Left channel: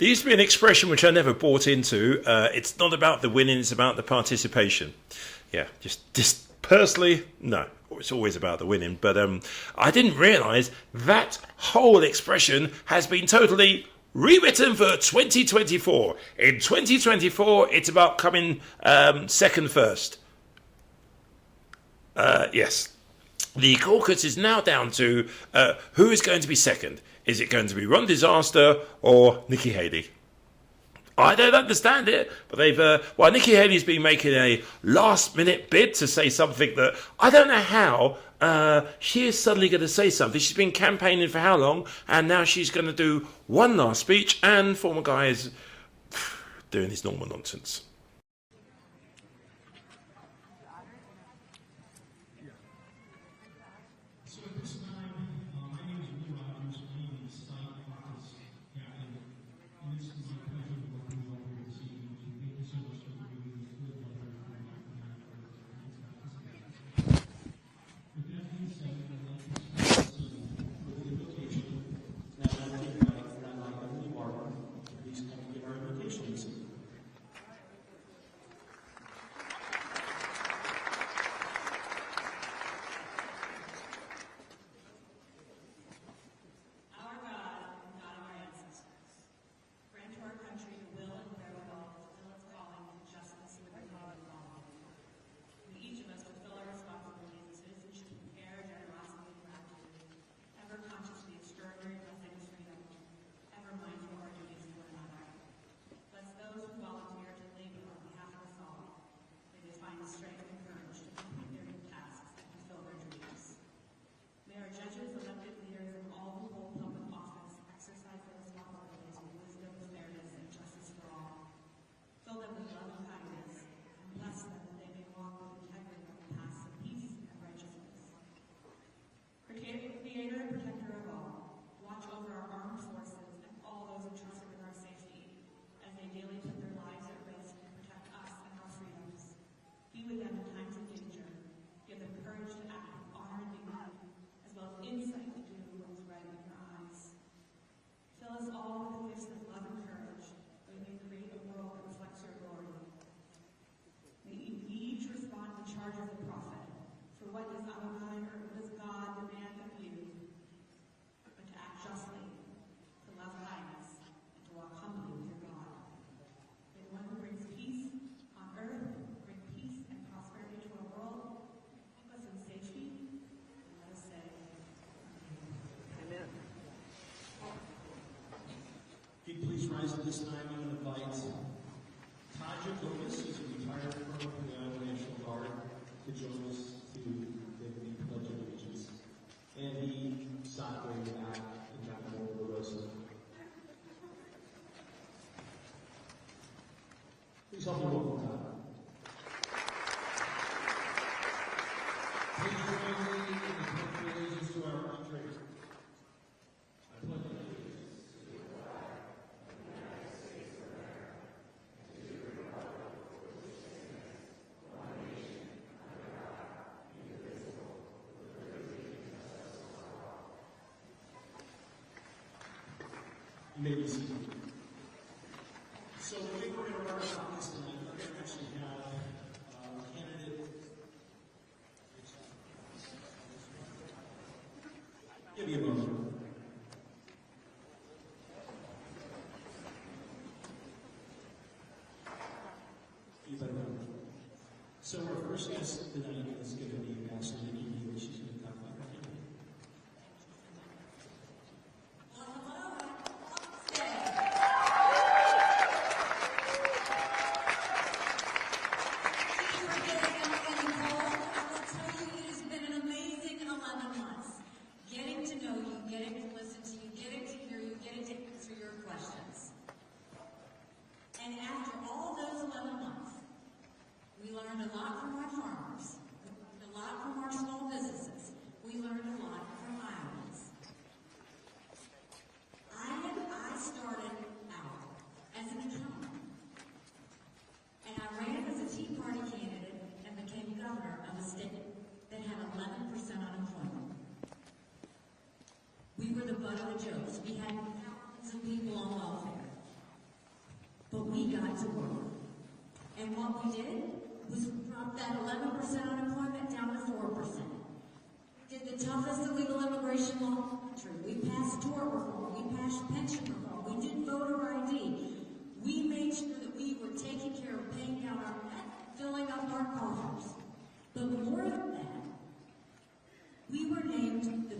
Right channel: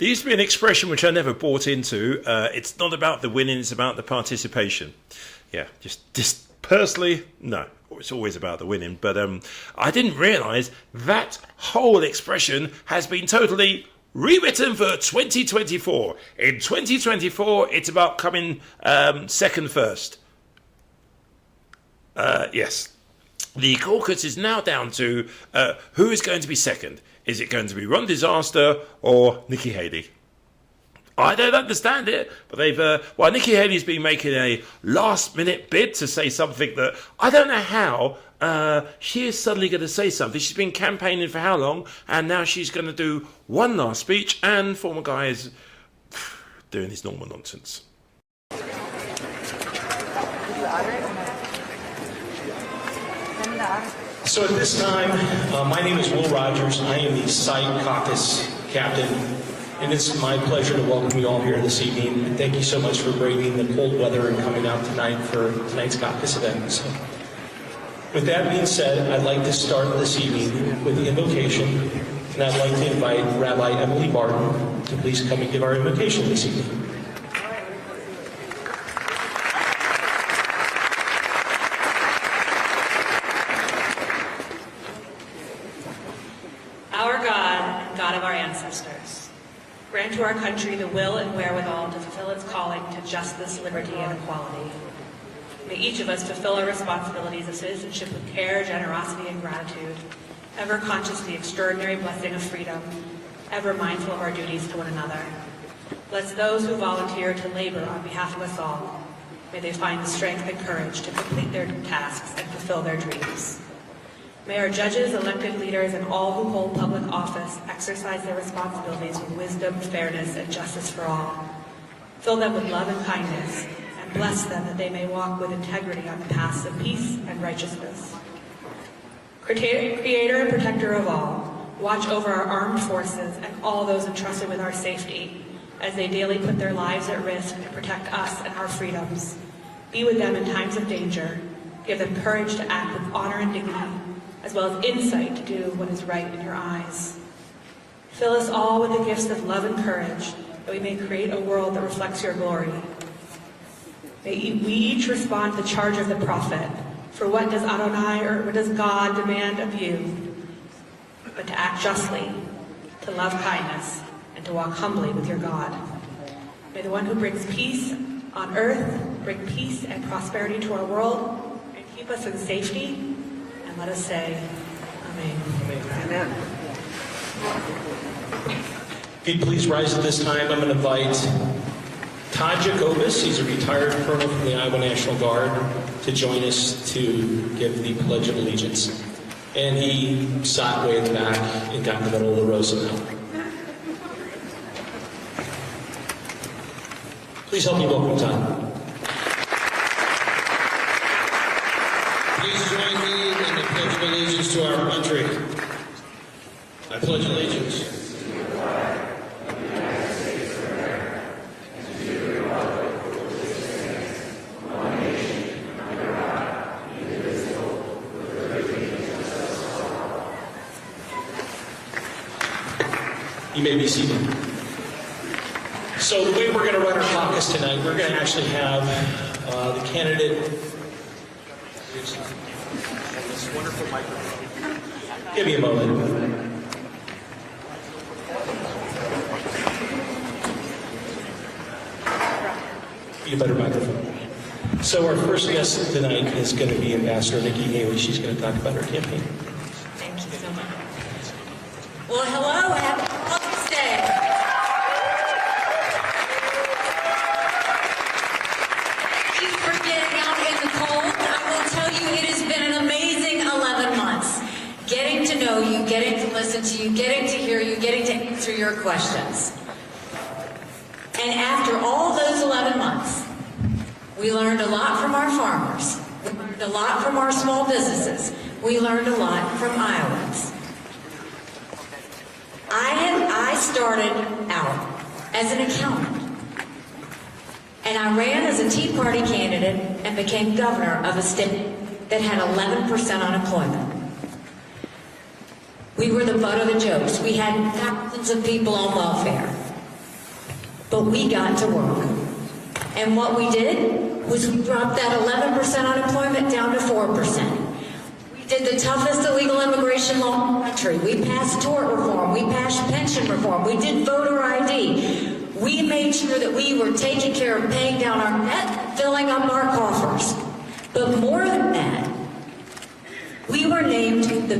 There used to be an expression which I never bought into. It's not about the winning, it's about the participation. Yeah, just personally, no. It's always about the winning. But I didn't realise that whole expression has been totally rewritten for 2024. In 2024, it's about coming second first. Yes. The caucus is now down to who is going to be second. Is it going to be Ron Disaster or Nikki Haley? I don't understand it, but Nikki Haley's been making a last-minute bid to say something that I don't know how she is suddenly going to say something. She's been campaigning for how long, and now she's going to do one last speech, and former guy is doing his normal nonsense. So at this time, my name is Will Rogers. I am the site caucus captain, and it's my pleasure to welcome you all here this evening. And thank you so much for braving the cold weather and coming out tonight for tonight's caucus event. So, with that being said, I'd like to start this evening with the invocation, and I'd like to invite Rabbi Emily Barton to please come and give our invocation this evening. Grant to our country the will and wherewithal to fulfill its calling to justice, liberty, and equality. May each of us fulfill our responsibilities of citizenship with care, generosity, and gratitude, ever conscious of the extraordinary blessing of freedom, ever mindful of our duties to one another. Bless those who volunteer to labor on behalf of us all. May they find the strength and courage to complete their tasks and fulfill their dreams. May our judges, elected leaders, and all who hold public office exercise their responsibilities with wisdom, fairness, and justice for all. Fill them with love and kindness, and bless them that they may walk with integrity on the paths of peace and righteousness. Creator and protector of all, watch over our armed forces and all those entrusted with our safety as they daily put their lives at risk to protect us and our freedoms. Be with them in times of danger. Give them courage to act with honor and dignity, as well as insight to do what is right in your eyes. Fill us all with the gifts of love and courage, that we may create a world that reflects your glory. May we each respond to the charge of the prophet, for what does Adonai, or what does God demand of you? But to act justly, to love kindness, and to walk humbly with your God. May the one who brings peace on earth bring peace and prosperity to our world, and keep us in safety. And let us say, Amen. Amen. If you'd please rise at this time, I'm going to invite Todd Jacobus, he's a retired colonel from the Iowa National Guard, to join us to give the Pledge of Allegiance. And he sat way in the back and got in the middle of the row somehow. Please help me welcome Todd. Please join me in the Pledge of Allegiance to our country. I pledge allegiance to the flag of the United States of America and to the republic for which it stands, one nation, under God, indivisible, with liberty and justice for all. You may be seated. So the way we're going to run our caucus tonight, we're going to actually have the candidate. This wonderful microphone. Give me a moment. Need a better microphone. So our first guest tonight is going to be Ambassador Nikki Haley. She's going to talk about her campaign. Thank you so much. Well, hello, happy Caucus Day. Thank you for getting out in the cold. I will tell you, it has been an amazing 11 months. Getting to know you, getting to listen to you, getting to hear you, getting to answer your questions. And after all those 11 months, we learned a lot from our farmers. We learned a lot from our small businesses. We learned a lot from Iowans. I started out as an accountant. And I ran as a Tea Party candidate and became governor of a state that had 11% unemployment. We were the butt of the jokes. We had thousands of people on welfare. But we got to work. And what we did was we dropped that 11% unemployment down to 4%. We did the toughest illegal immigration law in the country. We passed tort reform. We passed pension reform. We did voter ID. We made sure that we were taking care of paying down our debt, filling up our coffers. But more than that, we were named the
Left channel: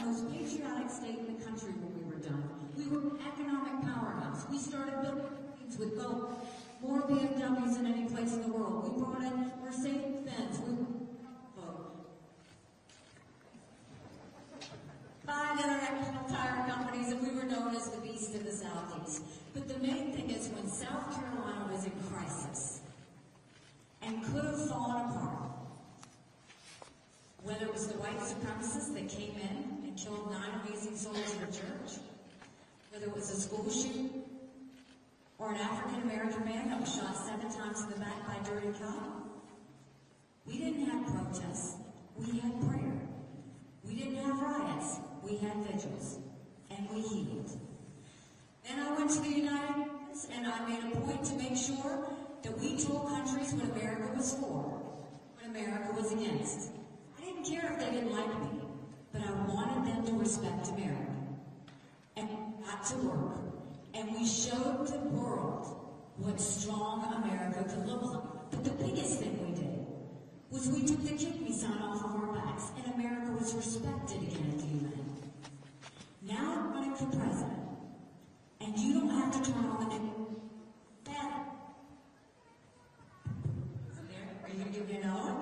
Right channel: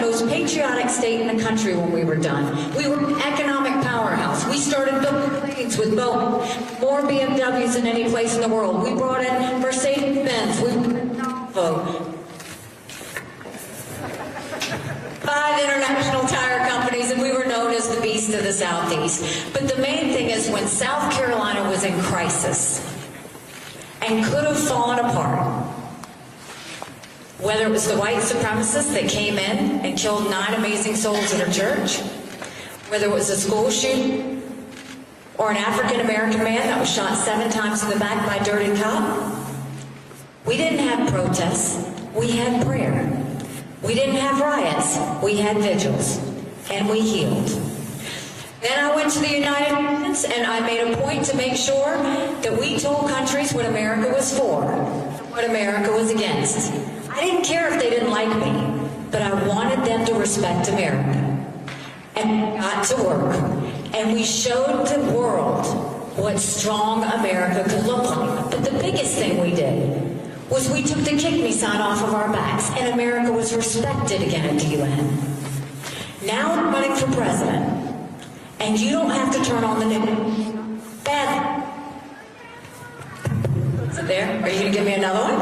most patriotic state in the country when we were done. We were an economic powerhouse. We started building planes with Boeing, more BMWs than any place in the world. We brought in Mercedes-Benz. We brought in Volvo. 5 international tire companies, and we were known as the beast of the Southeast. But the main thing is when South Carolina was in crisis and could have fallen apart, whether it was the white supremacists that came in and killed 9 amazing souls in a church, whether it was a school shooting, or an African-American man that was shot 7 times in the back by a dirty cop, we didn't have protests, we had prayer. We didn't have riots, we had vigils, and we healed. Then I went to the United Nations, and I made a point to make sure that we told countries what America was for, what America was against. I didn't care if they didn't like me, but I wanted them to respect America. And we got to work, and we showed the world what strong America could look like. But the biggest thing we did was we took the kick me sign off of our backs, and America was respected again at the UN. Now I'm running for president, and you don't have to turn on the news. Bad. Is it there? Are you going to give me another one?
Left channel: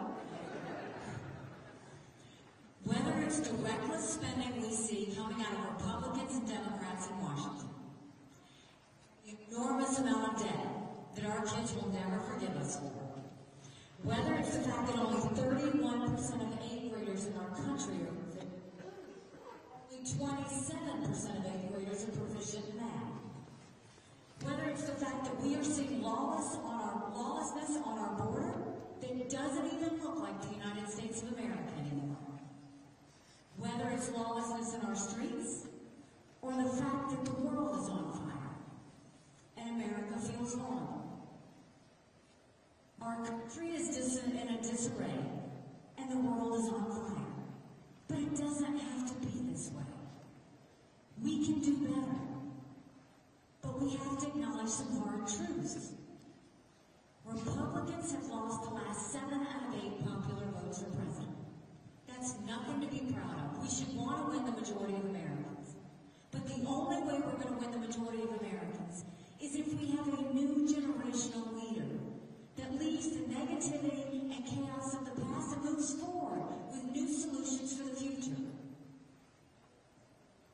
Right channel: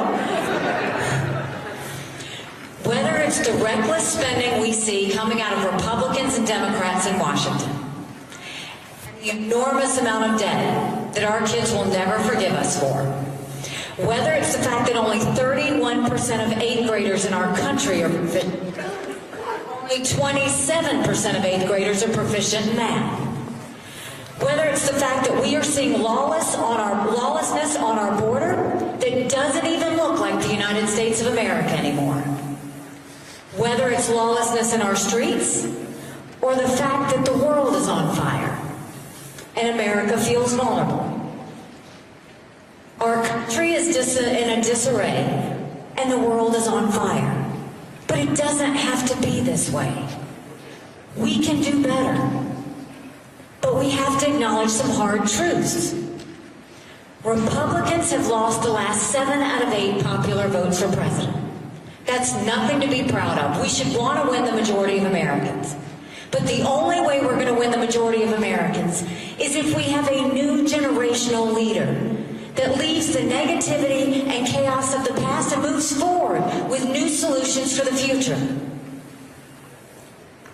Whether it's the reckless spending we see coming out of Republicans and Democrats in Washington, and the enormous amount of debt that our kids will never forgive us for, whether it's the fact that only 31% of 8th graders in our country are proficient, only 27% of 8th graders are proficient in math, whether it's the fact that we are seeing lawlessness on our border that doesn't even look like the United States of America anymore, whether it's lawlessness in our streets, or the fact that the world is on fire and America feels vulnerable. Our country is in a disarray, and the world is on fire. But it doesn't have to be this way. We can do better. But we have to acknowledge some hard truths. Republicans have lost the last 7 out of 8 popular votes for president. That's nothing to be proud of. We should want to win the majority of Americans. But the only way we're going to win the majority of Americans is if we have a new generational leader that leaves the negativity and chaos of the past and moves forward with new solutions for the future.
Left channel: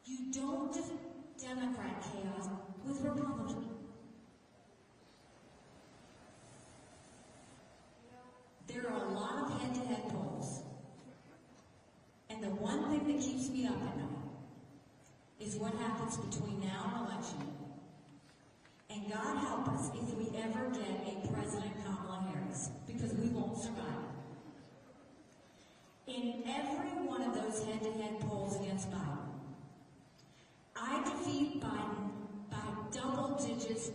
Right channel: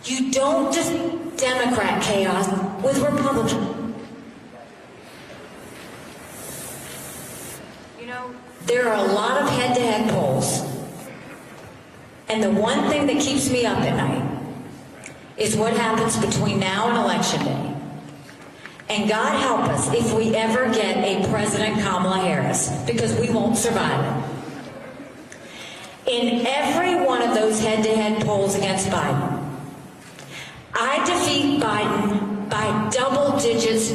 You don't defeat Democrat chaos with Republican. You know, there are a lot of head-to-head polls. And the one thing that keeps me up at night is what happens between now and Election Day. And God help us if we ever get a President Kamala Harris, because we won't survive it. In every one of those head-to-head polls against Biden, I defeat Biden by double digits,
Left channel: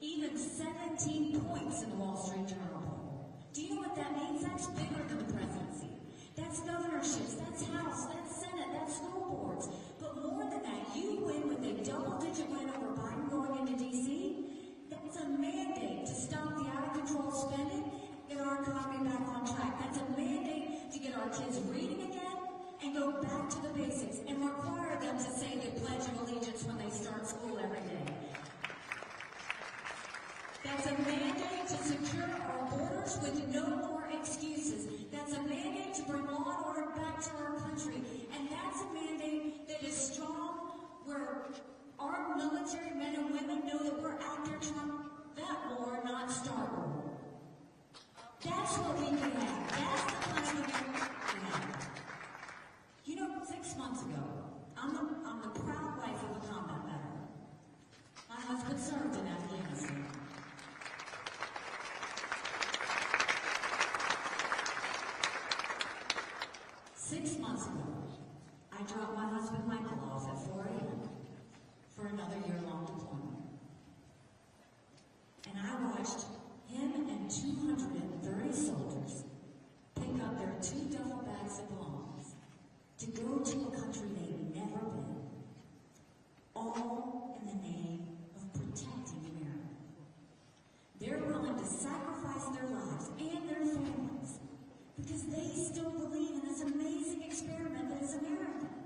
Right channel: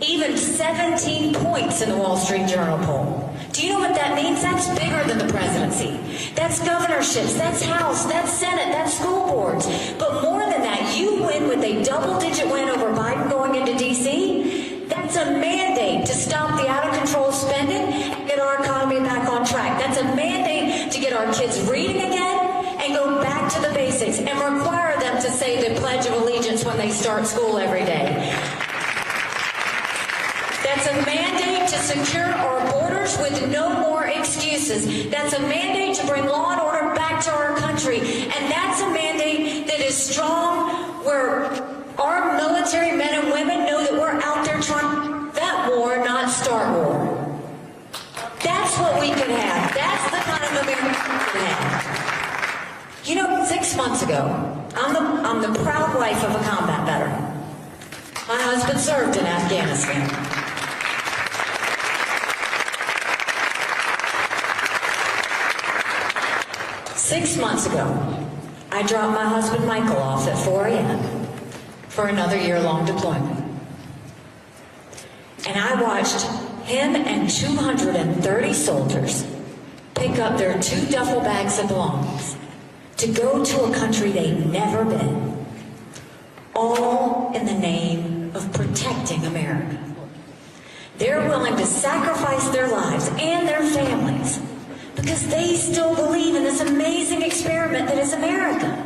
even 17 points in the Wall Street Journal poll. Do you know what that means? That's bigger than the presidency. That's governorships, that's House, that's Senate, that's school boards. But more than that, you win with a double-digit win over Biden going into D.C. That's a mandate to stop the out-of-control spending and get our economy back on track. That's a mandate to get our kids reading again and go back to the basics and require them to say the Pledge of Allegiance when they start school every day. That's a mandate to secure our borders with no more excuses. That's a mandate to bring law and order back to our country. And that's a mandate that is strong, where our military men and women know that we're out there trying to prevent war, not start war. That's what we can have. That's the kind of America we can have. You know, 6 months ago, I'm the proud wife of a combat veteran. My husband served in Afghanistan. 6 months ago, I dropped my husband Michael off at 4 a.m. for another year-long deployment. and I watched him and 230 soldiers pick up their 2 duffel bags of belongings to go to a country they'd never been, all in the name of protecting America. They're willing to sacrifice their lives and their families because they still believe in this amazing experiment that is America.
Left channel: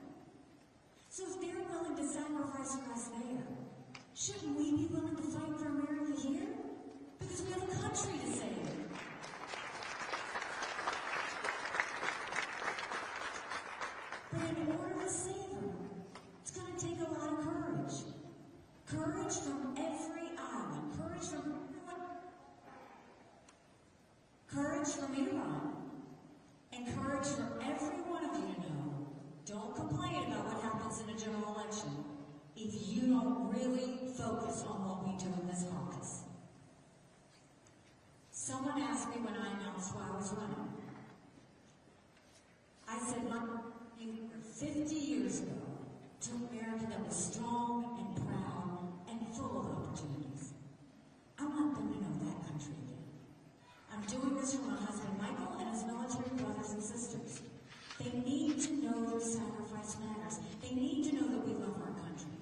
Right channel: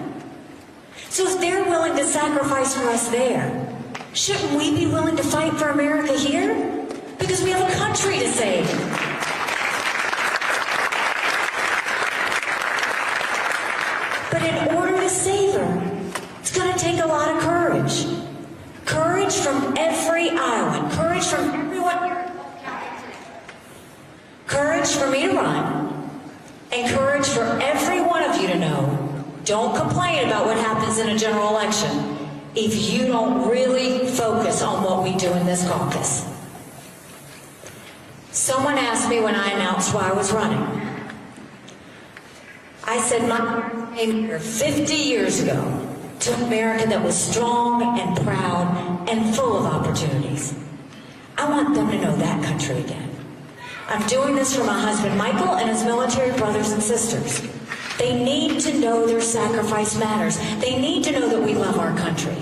So if they're willing to sacrifice for us there, shouldn't we be willing to fight for America here? Because we have a country to save. But in order to save her, it's going to take a lot of courage. Courage from every Iowan. Courage from everyone here. Courage for me to run. And courage for every one of you to know, don't complain about what happens in a general election if you don't really focus on what we do in this caucus. Someone asked me when I announced why I was running. I said my parents came here 50 years ago to an America that was strong and proud and full of opportunities. I want them to know that country again. I'm doing this for my husband Michael and his military brothers and sisters. They need to know their sacrifice matters. They need to know that we love our country.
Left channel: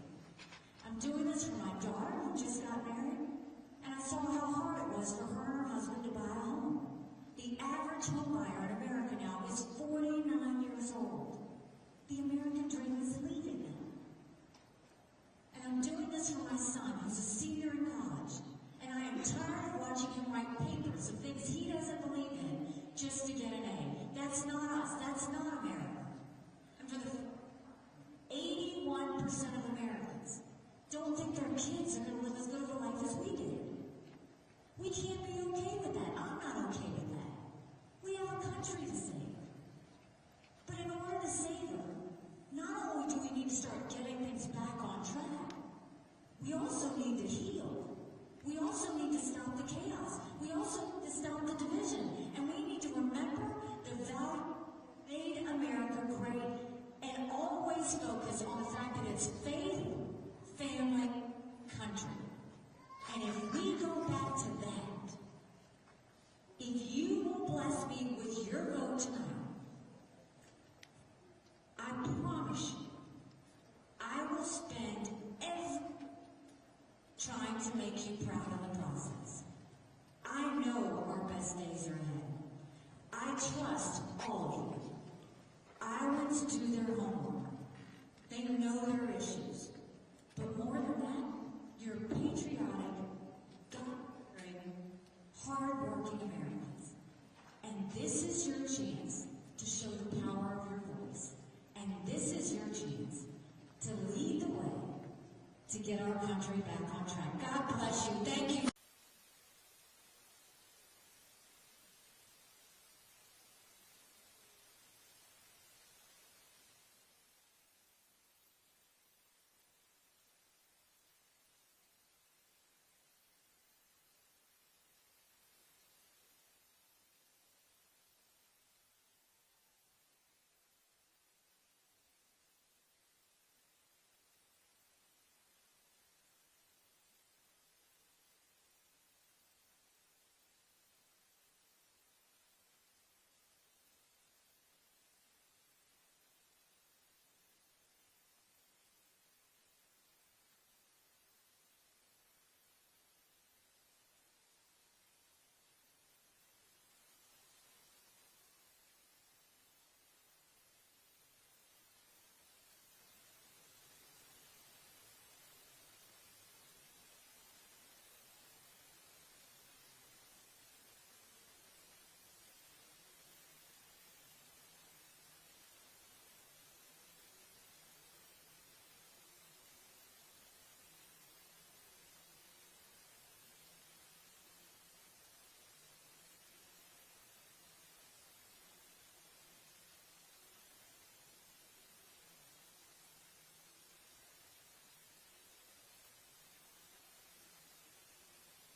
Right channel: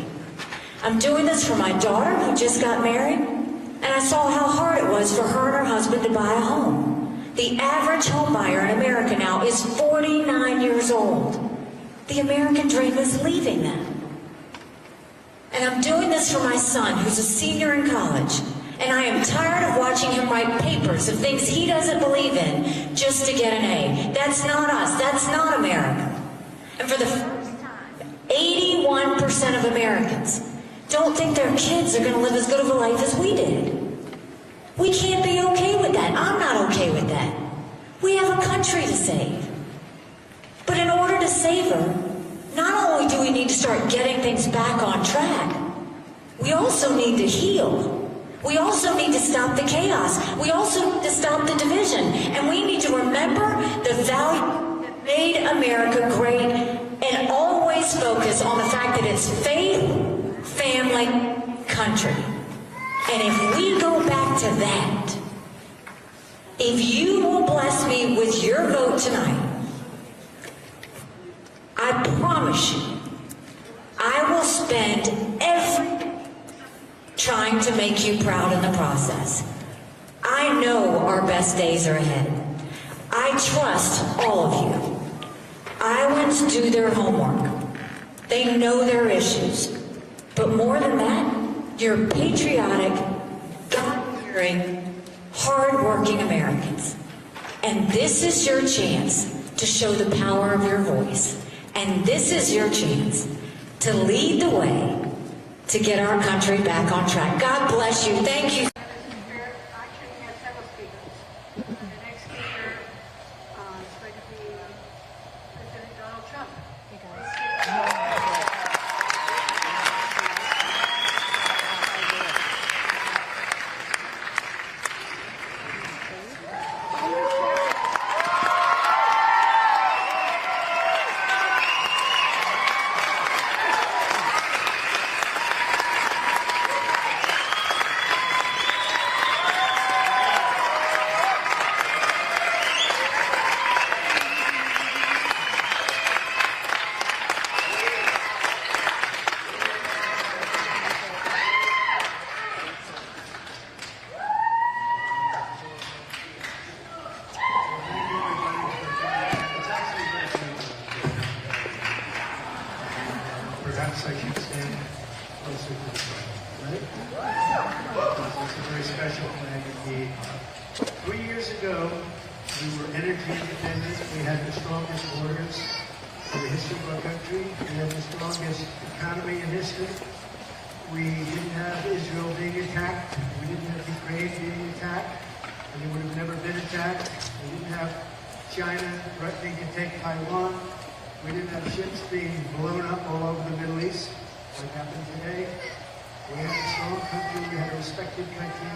I'm doing this for my daughter who just got married, and I saw how hard it was for her and her husband to buy a home. The average home buyer in America now is 49 years old. The American dream is leaving them. And I'm doing this for my son who's a senior in college. And I am tired of watching him write papers of things he doesn't believe in just to get an A. That's not us. That's not America. And for the first time, 81% of Americans don't think their kids are going to live as good of a life as we did. We can't be okay with that. I'm not okay with that. We have a country to save. But in order to save her, not only do we need to start getting things back on track, we also need to heal. We also need to stop the chaos. We also need to stop the division. And we need to remember the value that made America great and always focus on the fact that it's faith, family, country. And if we go back to that, if you will bless me with your vote tonight, I promise you, I will spend every day trying to make you proud in the process. I know our best days are ahead. I trust all of you. Iowans do their homework. They know their issues. But more than that, you're patriotic, God-fearing, hard-working Americans. And this is your chance to show the power of your voice. And this is your chance to lead the way to get our country back on track. God bless you. Thank you. Actually, we have several speakers. The next speaker is going to be President Donald Trump. Perhaps I should stand closer to the front, right? It's a very special plan indeed. 3 years ago, we were energy independent. We had the strongest borders in the history of our country. We had the strongest economy in history. We didn't have Israel being attacked. We didn't have Ukraine being attacked. And they would have never been attacked. We didn't have China threatening to take Taiwan. We didn't have ships being blown up all over the Middle East, like happened today. We had a strong country, we had a respected country,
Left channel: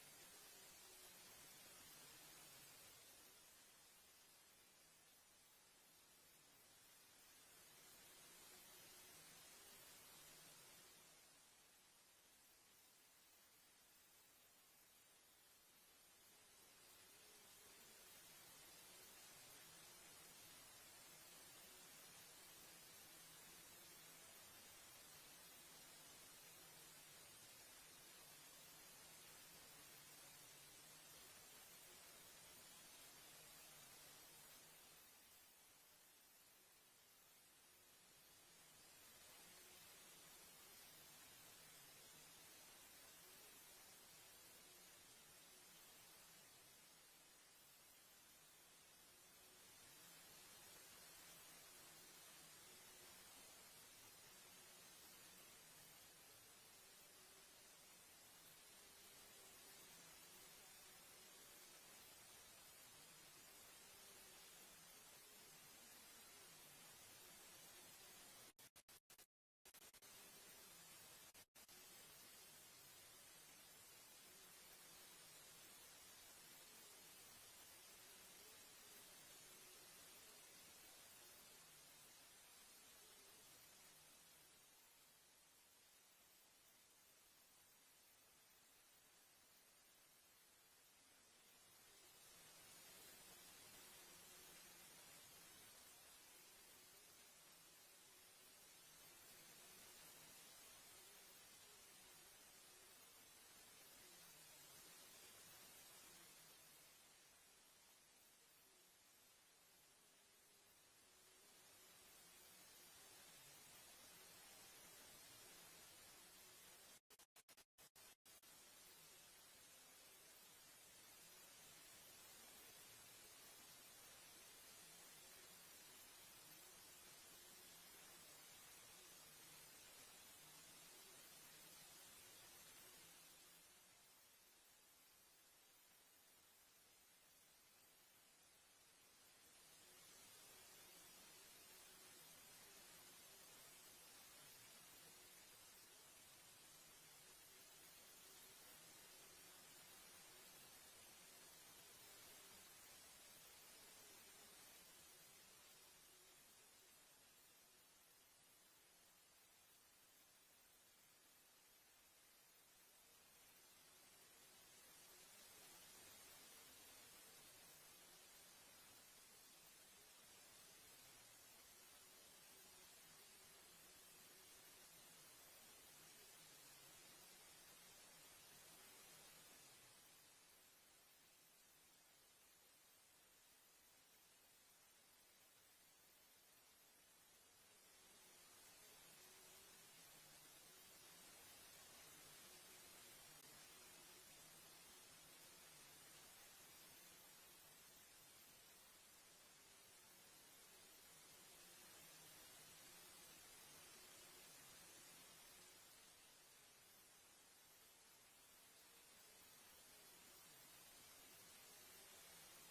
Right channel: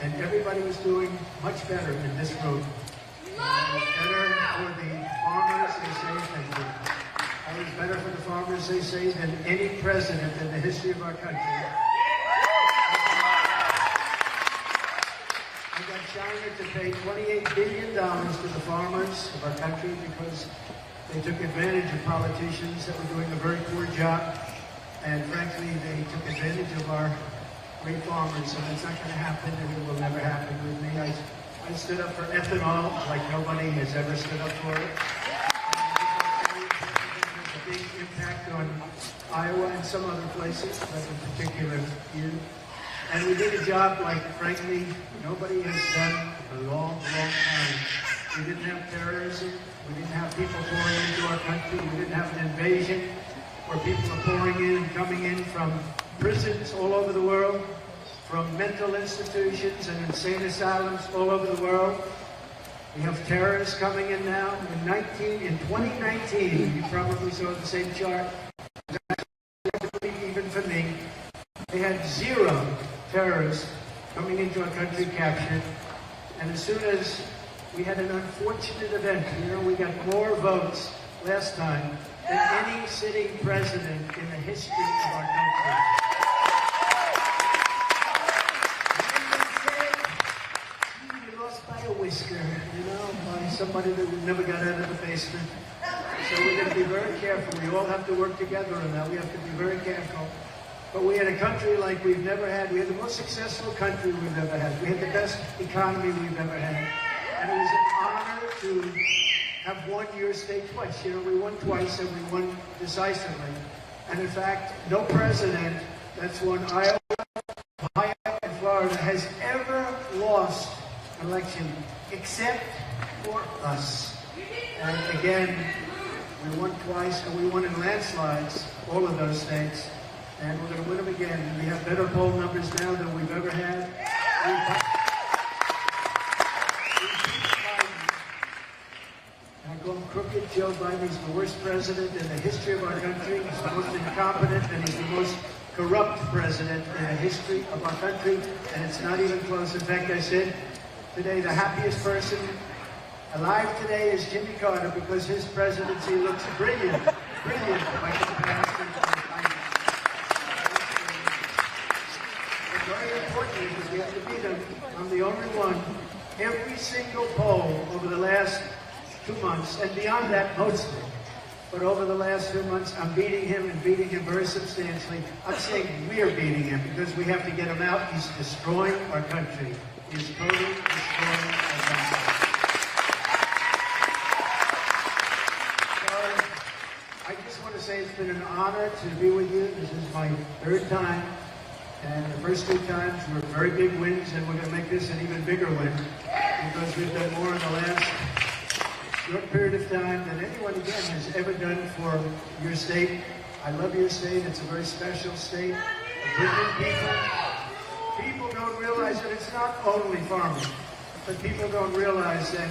and everybody was doing much better in this road. It was better for the farmers, they say, it was better for the farmers, they say, than any president in the history of our country. pay $28 billion to the farmers of our country because they took advantage of politicians that were doing a very poor job. And frankly, they took advantage of our great farmers, and that's not going to happen, and it will never happen with me. I stood up for ethanol like nobody has ever stood up for it. There's a big impact on Iowa and some other places, but in particular here. And we did a job like, frankly, nobody has done in a long, long time. We didn't have terrorism. We didn't have people pouring into our country. We didn't have an invasion where people are pouring in and coming in from prisons all over the world, from mental institutions and insane asylums all over the world. We have terrorists coming in now. In 2019, you probably saw the same chart. Even for me, they had 0 terrorists coming into our country captured. And as soon as we had an unfortunate event, we got more votes last time than any sitting president in the history of our country. We lost by a whisker, by somebody that never got out of the basement. So we're going to be very careful. We all have to work together on that. We have to be very careful. But we had a country like we've never had. We had the most successful country we've ever had. We had the best economy we've ever had. And it was an honor to have won your state twice. We won twice and we won decisively. And in fact, no president that's won Iowa, Ohio, and Florida has ever lost an election except for us. And again, we won twice and we won in landslides, all of those states. And we're going to win them again. We have better poll numbers now than we've ever had. I call him crooked. Joe Biden is the worst president in the history of our country. He's the most incompetent and he's the most corrupt president in the history of our country. And it's not even close. In fact, I said today the happiest person alive today is Jimmy Carter because his presidency looks brilliant. Brilliant by comparison to Biden. It's very important because we have to beat him. I'm the only one. Every single poll over the last 2 months, and beyond that mostly, but over the last 2 months, I'm beating him and beating him very substantially. I'm saying we're beating him because we have to get him out. He's destroying our country. He's totally destroying our country. So, I just want to say it's been an honor to be with you. This is my 3rd time. And the first 2 times were very big wins, and we're going to make this an even bigger win because we've done more in the last short period of time than anyone, again, has ever done for your state. I love your state. It's a very special state. Brilliant people. People don't realize that it's not only farming, but people don't realize that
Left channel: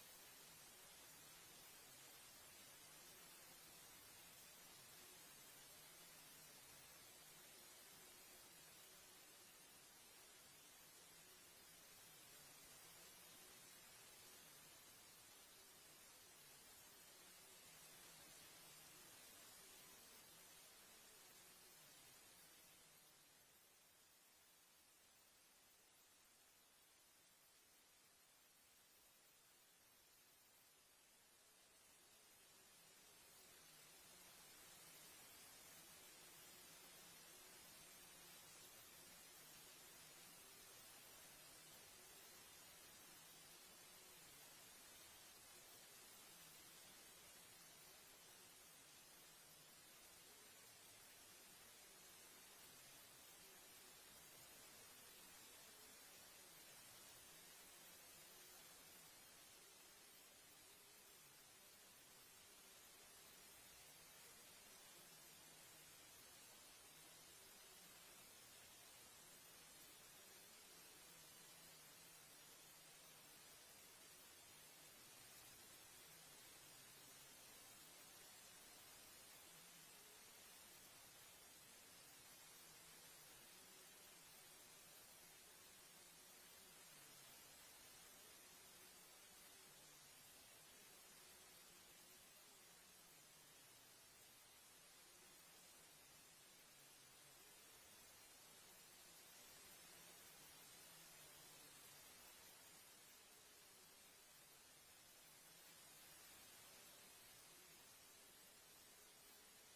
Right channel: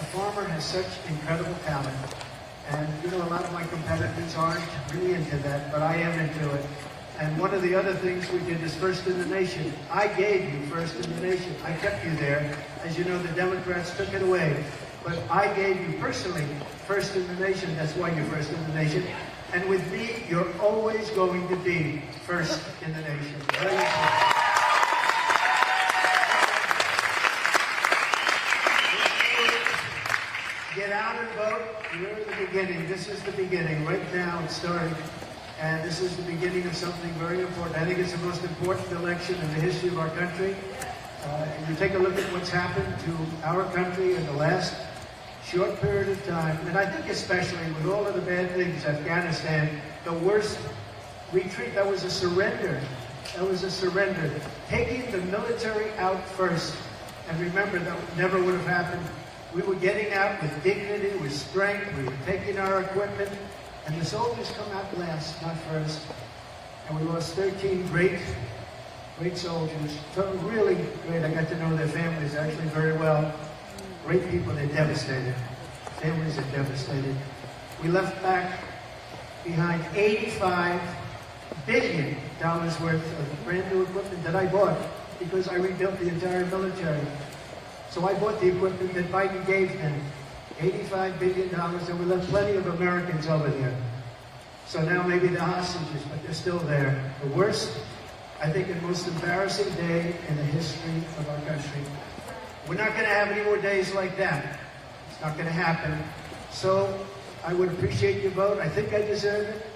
a farmer has such incredible talent. And, a lot of my competitors aren't really into that, but I am into it. And one of the other things we did is first in the nation. I gave you first in the nation. I kept you there. As you know, the Democrats took it away. But I gave you personally first in the nation. That's why you're first in the nation. And with me, you're always going to be first in the nation. Very important. Get out and vote. You're in the beginning. This is the beginning. Right now, it's starting. And this is the beginning of something very important. I think it's the most important election in the history of our country. And you take a look at what's happened to our country in the last short period of time, and I think especially with all of the bad things, Afghanistan, the worst retreat, that was a surrender. That was a surrender. Taking the military out first. And remember, that never would have happened. We were getting out with dignity, with strength. We were taking our equipment. And the soldiers come out last, not first. And we lost 13 great soldiers. So really great. I got to know their families actually very well. Great people. They're devastated. Families are devastated. We left back behind $85 billion worth of brand new equipment that I bought because I rebuilt the entire military. So I bought the equipment that Biden gave them. $85 billion, and we left plenty of Americans over there. So now maybe they're hostages, but they're still there. The worst, I think, and most embarrassing day in the history of our country. We're not going to have any more days like that. It's not going to happen. So I would appreciate your vote. I think I deserve it.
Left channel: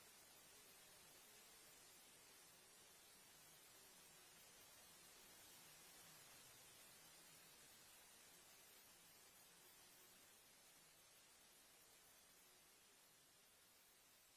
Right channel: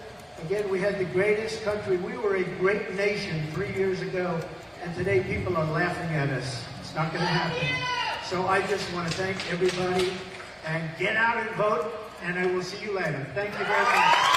Again, we had the greatest country. We were a great nation 3 years ago, and today people are laughing at us. It's not going to happen. So I just want to thank everybody, and get out and vote, and I will see you later. Thank you very much.